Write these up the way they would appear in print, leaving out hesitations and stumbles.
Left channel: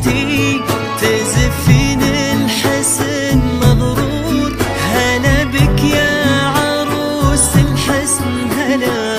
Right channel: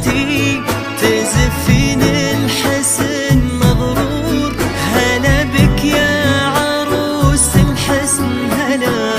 انتي تزفين الحسن مغرور. هلا بك يا عروس الحسن هلا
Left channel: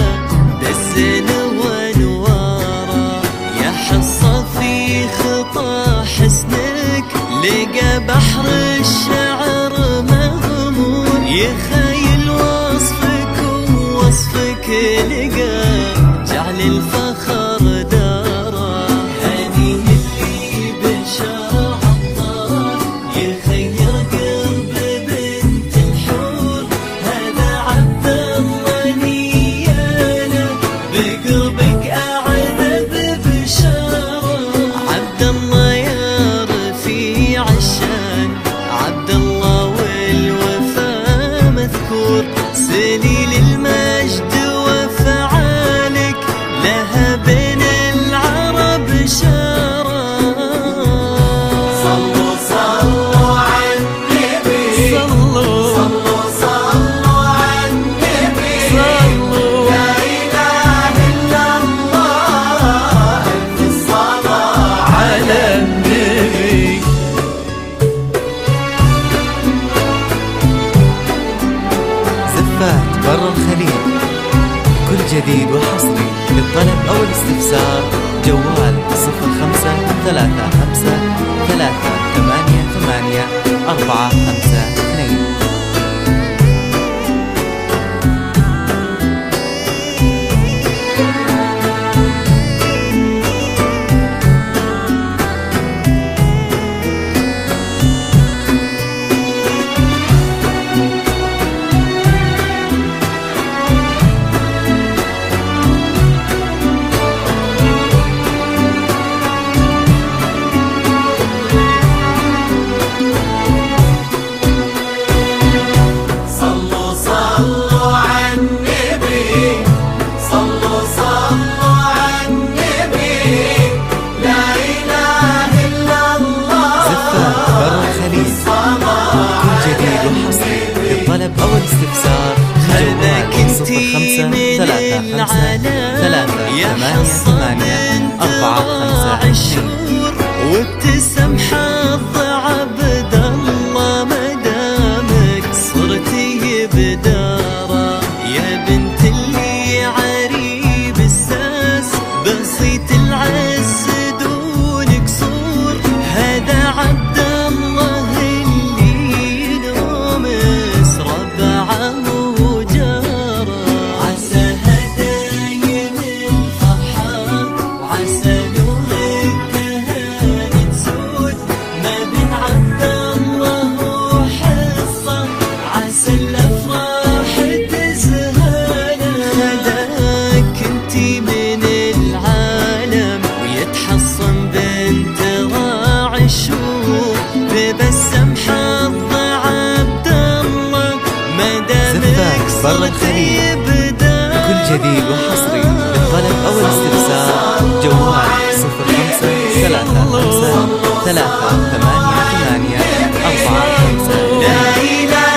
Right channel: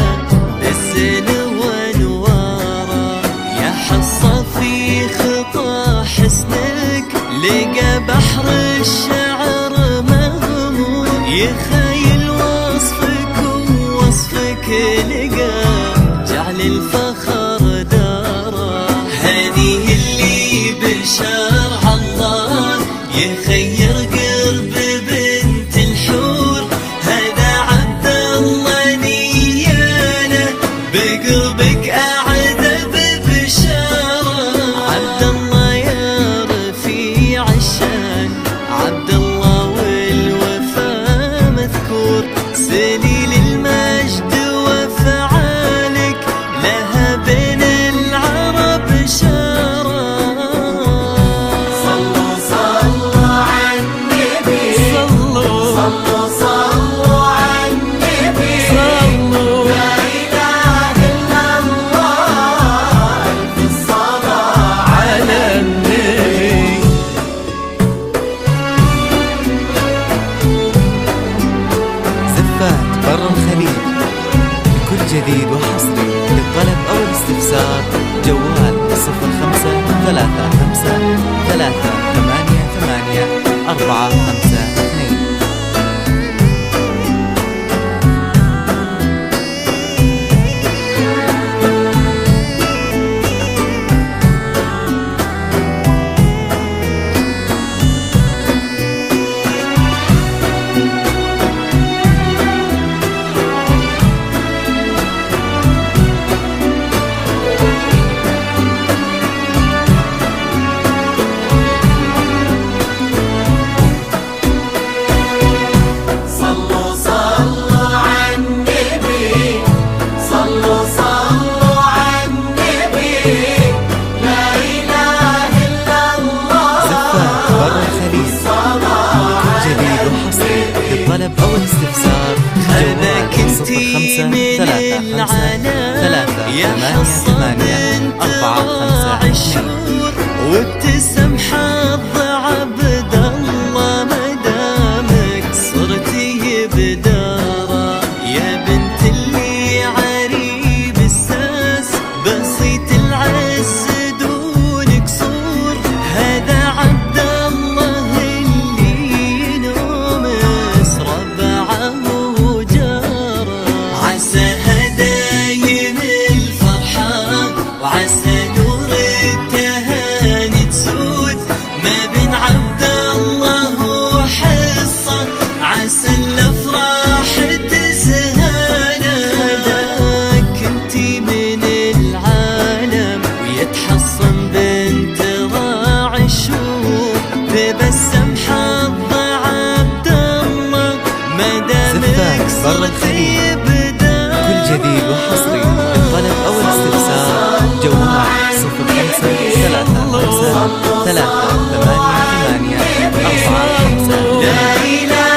بالزين وانواره، يا حصة في خطى حسنك لقى بحر الشعر مغمور. يخيل وصفك ووصفك لقى جعل الفخر داره. هذه اللي بشرع الله يخير قلب بنت الحور. هذا عبد الله نياله بقربك أعذب بشاره. عبد الله يا رفيع الشان، عبد الله والوفا مذكور. سليل المجد وفعالك لها بين العرب شارة. صلوا صلوا على النبي. زفات برا الخليج لكل جديد وحصري. للطلب أو الاستفسار جوال 0535388452. زفات برا الخليج لكل جديد وحصري. للطلب أو الاستفسار جوال 0535388452. وابتسم حظ عبد الله مدامك صرتي بداره. يا بنت اللي عريب الساس بسيط العز دون قصور. هذا عبد الله اللي نومس ربعه وجاره. عسى هدايم الفرحة وعسى نور التهاني تسود ما بين عبد الله وحصة. عسى الافراح تزهانا. هداك انتي من العالم ويتحصن بنت راعي الشور. تبسم حظ عبد الله مدامك صرتي بدار. كل جديد وحصري. للطلب أو الاستفسار جوال 0535388452. لا إله